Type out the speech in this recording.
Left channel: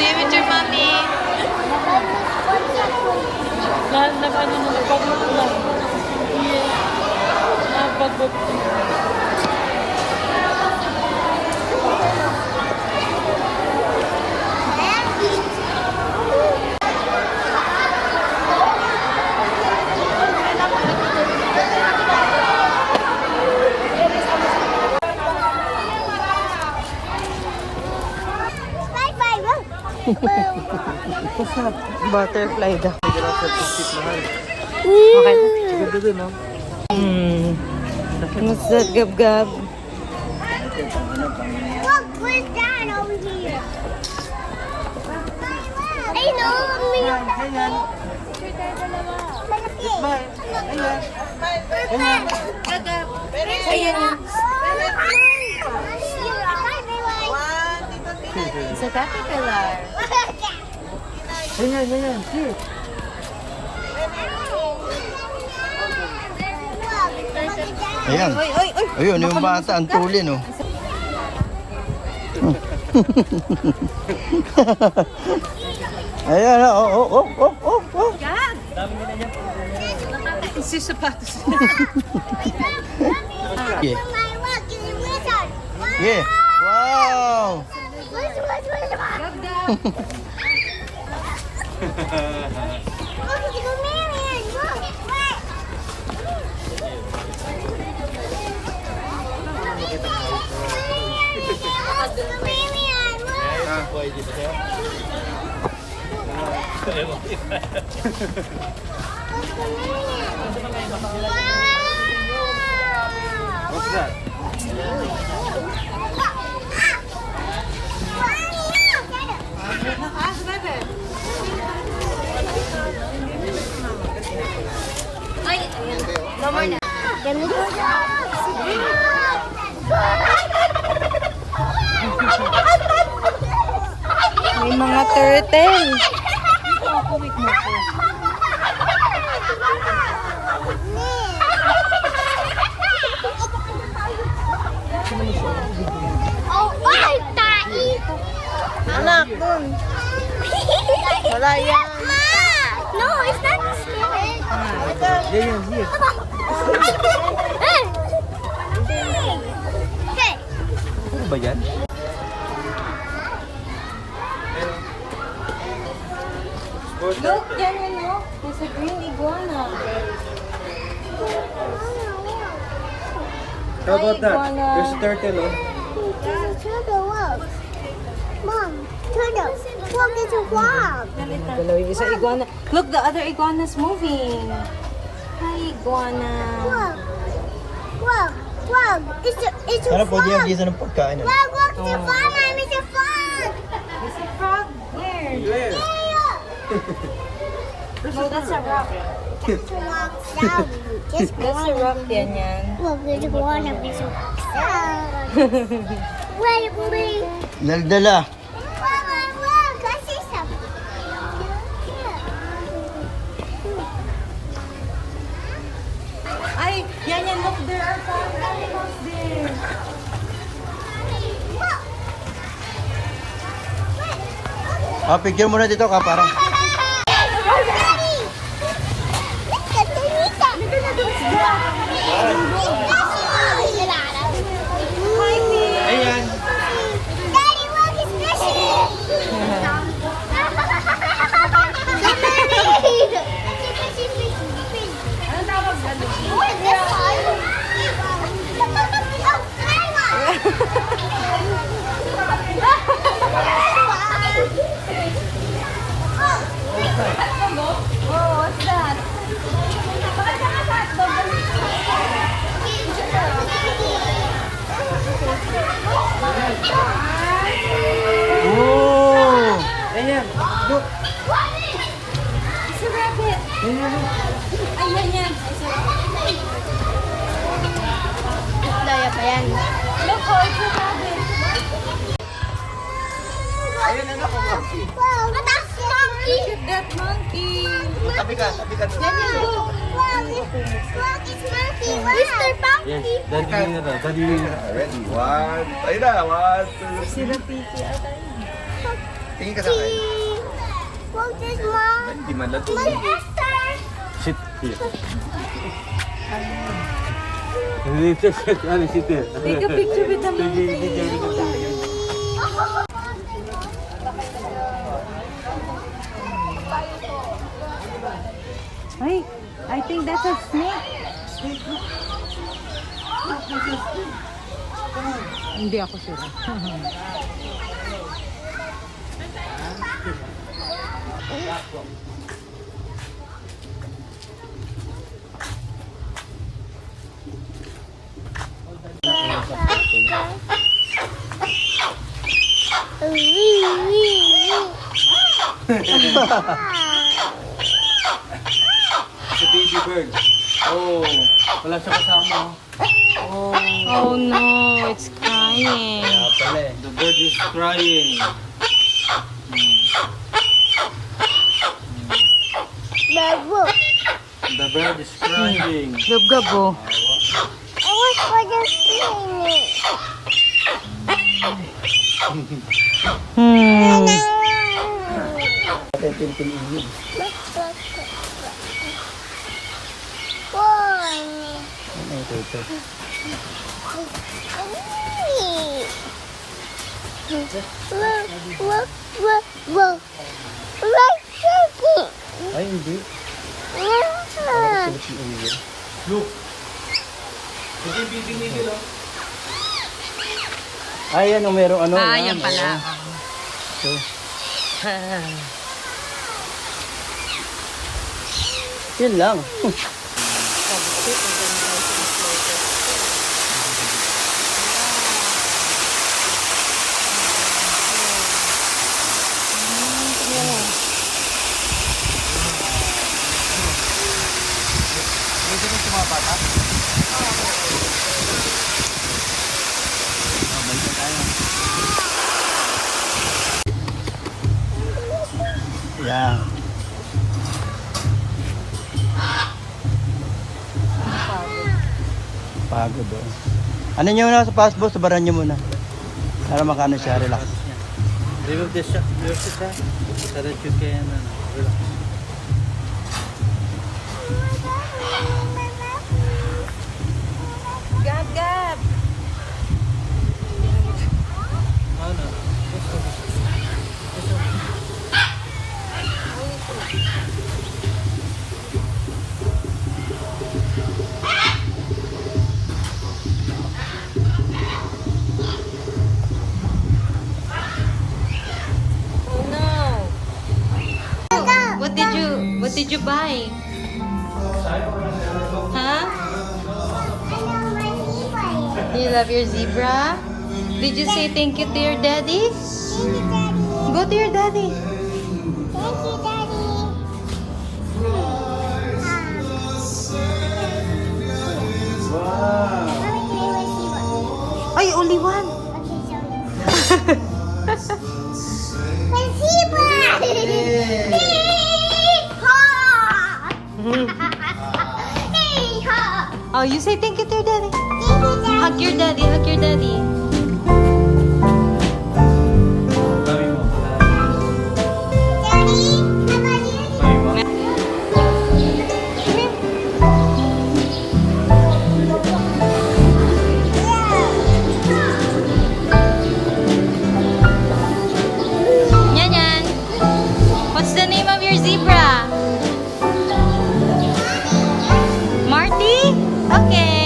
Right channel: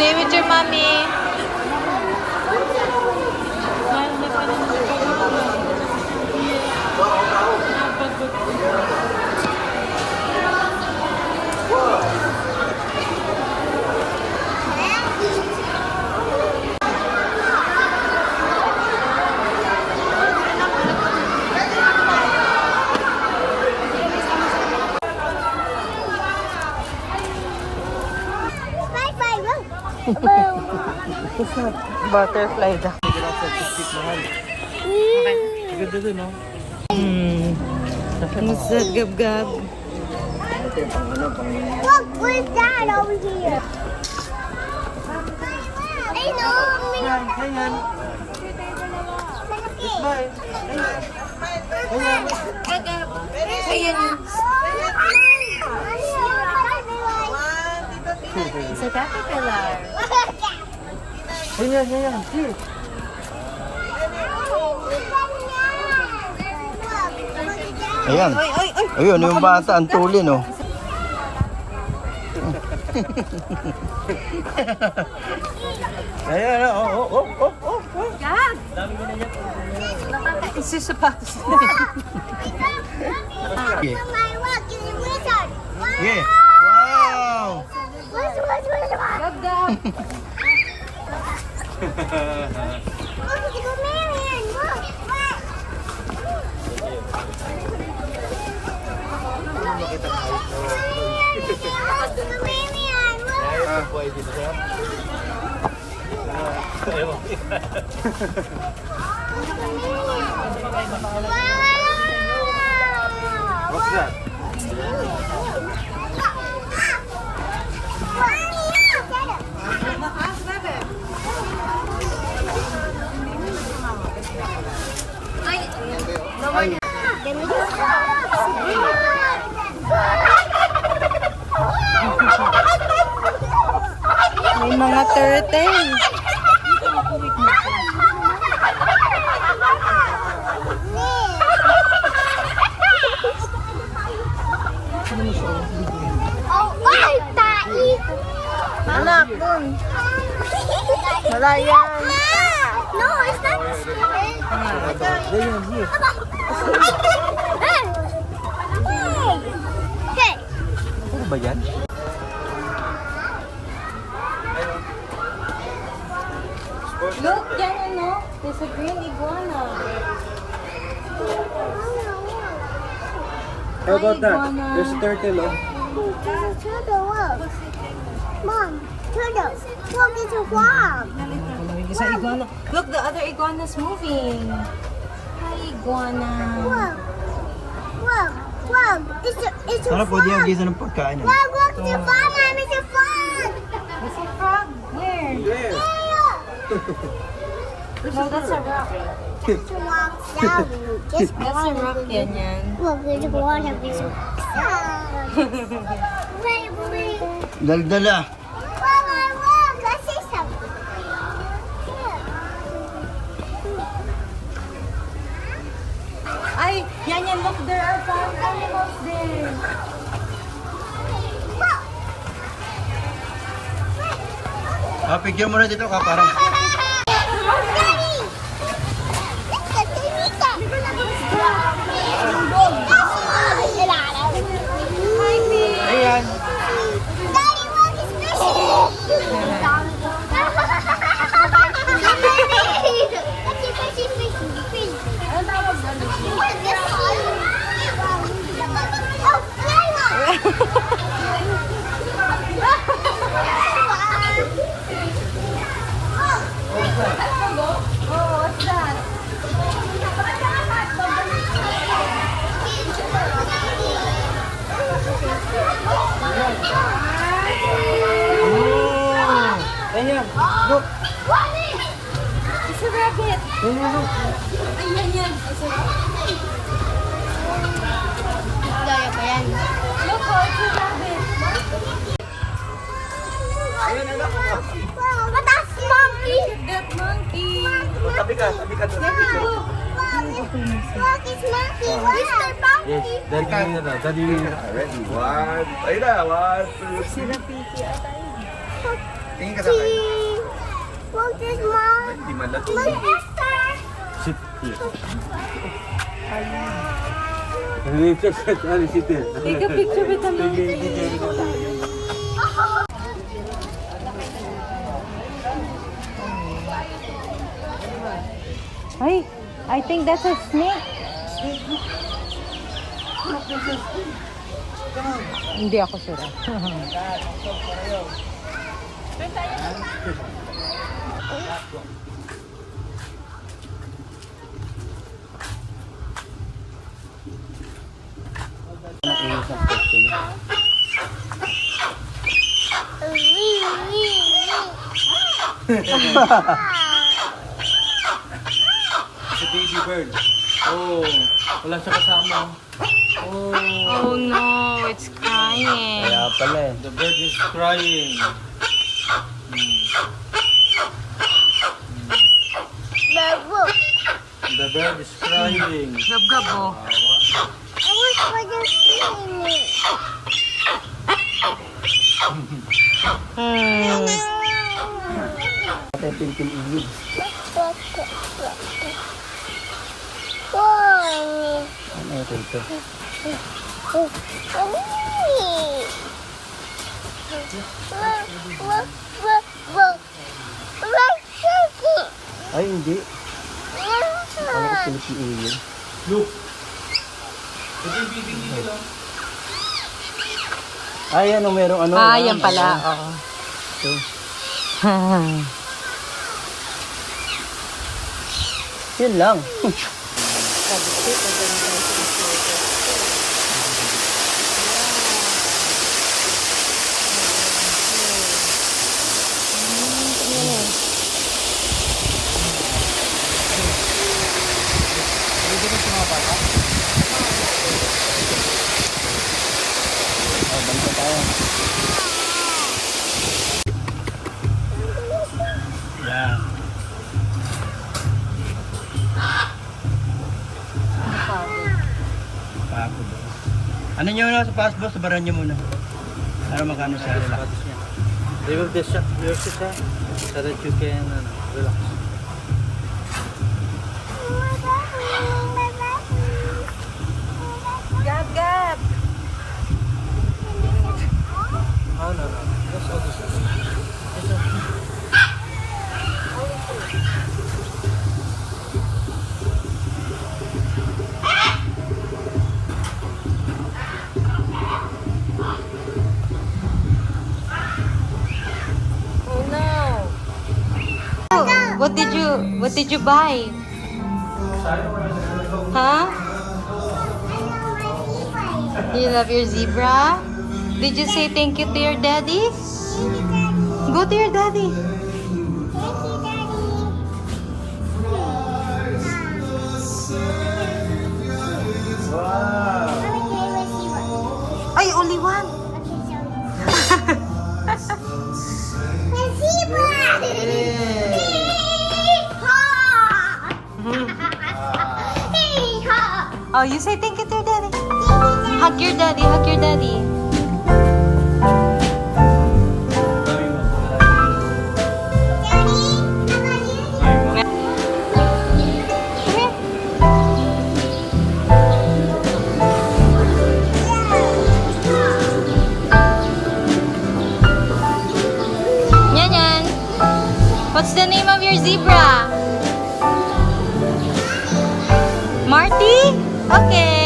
Stay with your mommy. Butterfly daw. Okay. Ganda dun, no? What's that, gab-gab? Look, where's Dad over here? I know. Ganyan. Smile. Ganyan. It's a caterpillar. Ganyan, ganyan. Here. Ayan. Ayun, yung bata, ang tuli, no? Ayan, oh. Gag! It's your sapatos. Yeah. Wow. Yeah. Wow! Gab-gab! Look, it's a chameleon. Look, what? Chameleon, look. What's that? May mga turtle. Oh, ay, tai! Anak. Ma! No, it's not the snake. Ganyan, here. Hey! Hey! Ano ba yan? Look, yan ano. There's a green iguana. How about that? Iguana. There's a turtle, oh. Turtle, look. Mom, turtle. Look, it's a frog. Isa iguana. Look, the other iguana's moving. Hi, iguana. Look. Look. Look. It's a Ano po frog. niya bisa ng pagkain? Look, look, it's a frog, Mom. It's a frog. It's a frog. Where? Where? No, that's a rock. It's a rock down. Just That's a rock yan yan. Look, there's a water. There's a Wait, wait. Daldala. Look, I see something. Ay, yan yan. Look, there are farm animals there. Picture mo na dito ka parang. Oh, what's that? Oh! Ganyan. Look. It's a rabbit. Ganyan, look. Ay, yan yan. It's a rabbit. Look, oh, it's a rabbit. Ayun, anak ko. But that's monkey. That monkey. Oh, tabi ka doon. Yan yan, look. Look, it's monkey. Mr. Monkey. Yes, daddy na. Daddy. Ready? One. Ayun na. One, two. Si Rafiki ata yun. Tingin ka sa akin. What's this, Mom? Hindi man lang. Look, Esther. Sit here. Take a picture with the mountain. Ay, I think that's a snake. Hindi ako sure. Sa baby bird. Oh, wala siya kasama. Oh. Oh no, it's crying. The bird is crying. Babu. The bird is crying. Gab-gabo. I was for the swimming. Ay, hindi. Look. Ito yung baby nigil, oh. Ay, ano, merong ano. Ah, yan pala. Oo. Ito. Yan lang. Pwede rin sa mga bata? Oh, balik na tayo. Yan. Pagod oh. Ano nyo na sa passport? Sabaran nyo muna. Para makano siya, relax. Remove the shot, your shot, so that you can, relax. Gab, Gab. No, no, no. Oh no. What did you buy? Huh? Do you love your zebra? Did you say thank you to your daddy? Go to your daddy. Ay, only one. Oh, you say thank you to your daddy. Hug your daddy, hug your daddy. Yan, yan. What's the name of your zebra? Marty? Okay.